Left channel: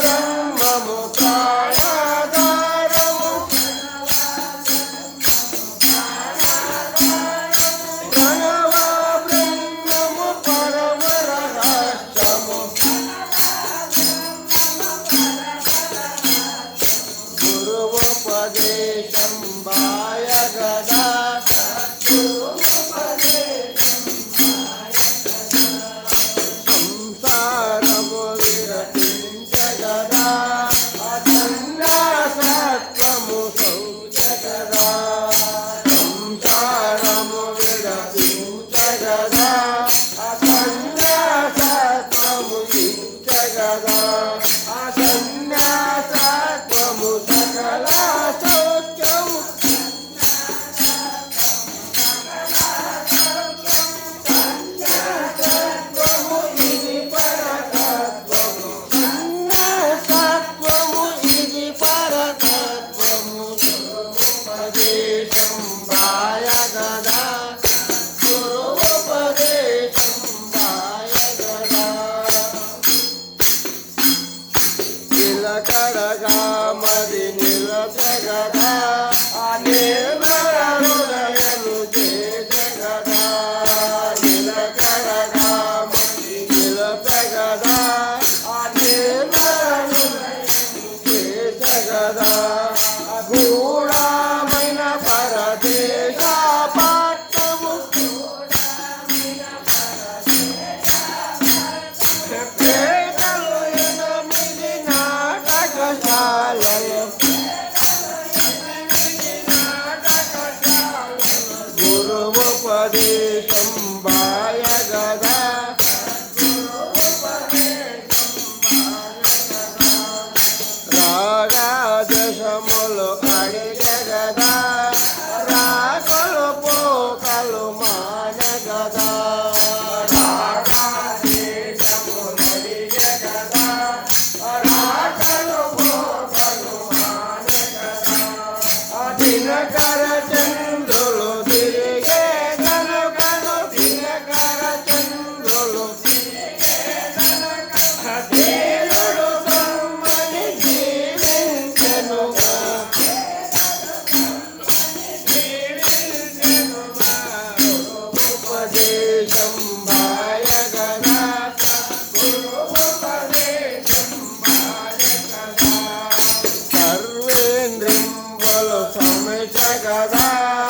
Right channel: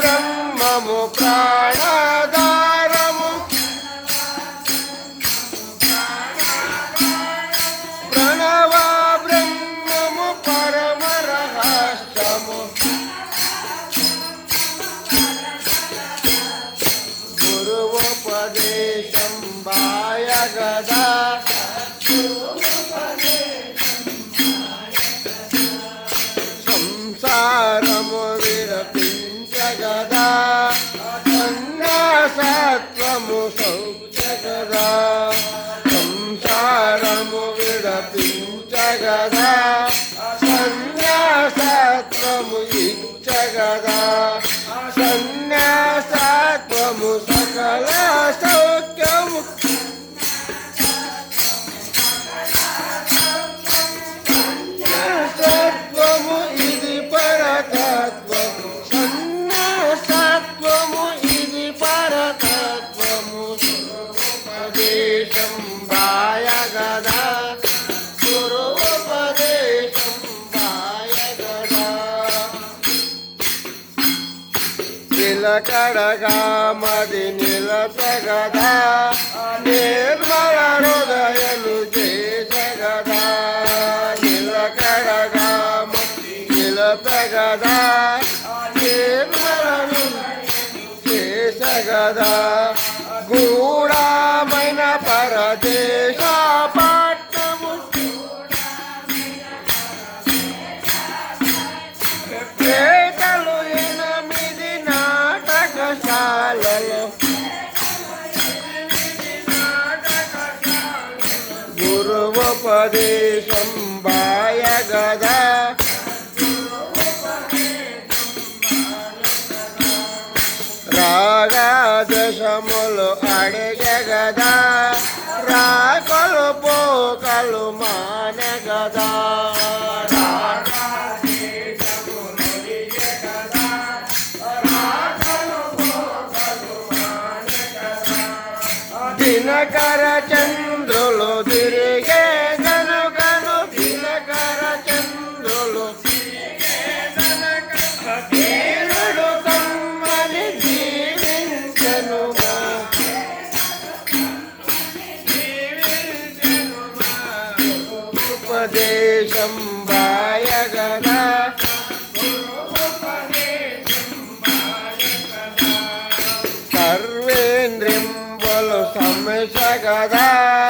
्रह्ममुया दारम् परमरहासम् गुरुपदेशं वा Gaza. కడగా మది నిలసగదా నిర్మల హృదయను చేసగదా నిలకడగా మది నిలచగదా నిర్మల హృదయను గురువుపదేశం బాయగదా రాగాదశములు అడిగగదా రాకలు పోకలు మానగదా రాకలు పోకలు మానగదా దినకర ఉపదేశం వాయగదా సర్వేంద్రింబులు సమచగదా సర్వము